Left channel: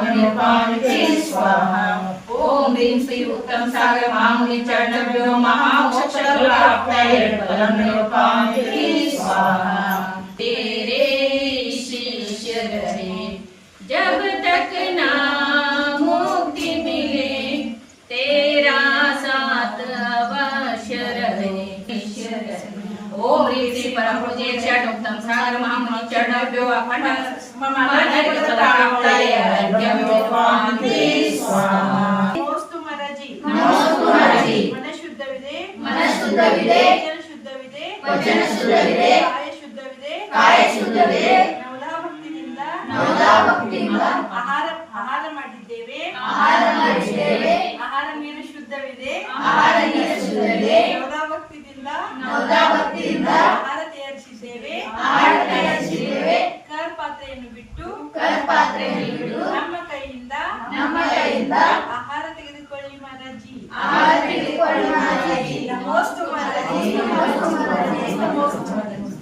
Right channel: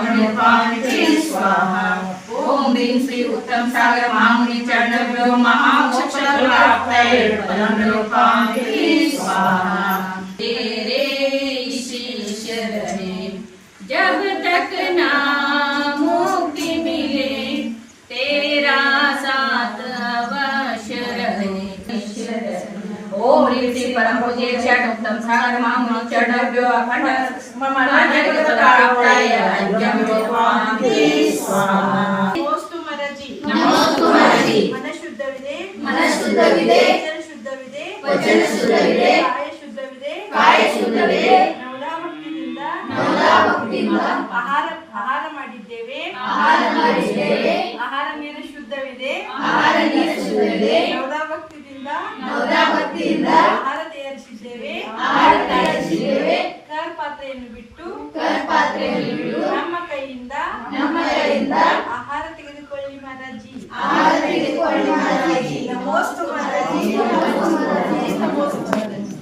ब्रह्मनिर्वाणिते स्वाहा। ओम ह्रीं श्री उत्तम सागर महामुनि चरणभ्यो महामोक्षफलप्राप्तये ब्रह्मनिर्वाणिते स्वाहा। तेरे शिष्य रहे जब तक ना मुक्ति मिले, तेरा साथ अवश्य रहे। ओम ह्रीं श्री परम पूज्य षट उत्तम सागर महामुनि चरणभ्यो अखंड ब्रह्मनिर्वाणिते स्वाहा। नमोस्तु महाराजी मन शुद्धविದೆ ವಚನ ಶುದ್ಧವಿದೆ ಕಾಯ ಶುದ್ಧವಿದೆ ನವಲಾಭಕ್ತಿಯಿಂದ ಆಹಾರ ಮಾಡಿದ್ದೇವೆ ಆಹಾರ ನೀರು ಶುದ್ಧವಿದೆ ನವಲಾಭಕ್ತಿಯಿಂದ ಆಹಾರ ತಯಾರಿಸಿದ್ದೇವೆ ಕರ್ ಪಾತ್ರೆಯನ್ನು ಬಿಟ್ಟು ನಮ್ಮ ಕೈಯಿಂದ ಆಹಾರ ತೆಗೆದುಕೊಳ್ಳಿ ಮಹಾರಾಜಿ ನಮೋಸ್ತು ಮಹಾರಾಜಿ ನಮೋಸ್ತು ಮಹಾರಾಜಿ.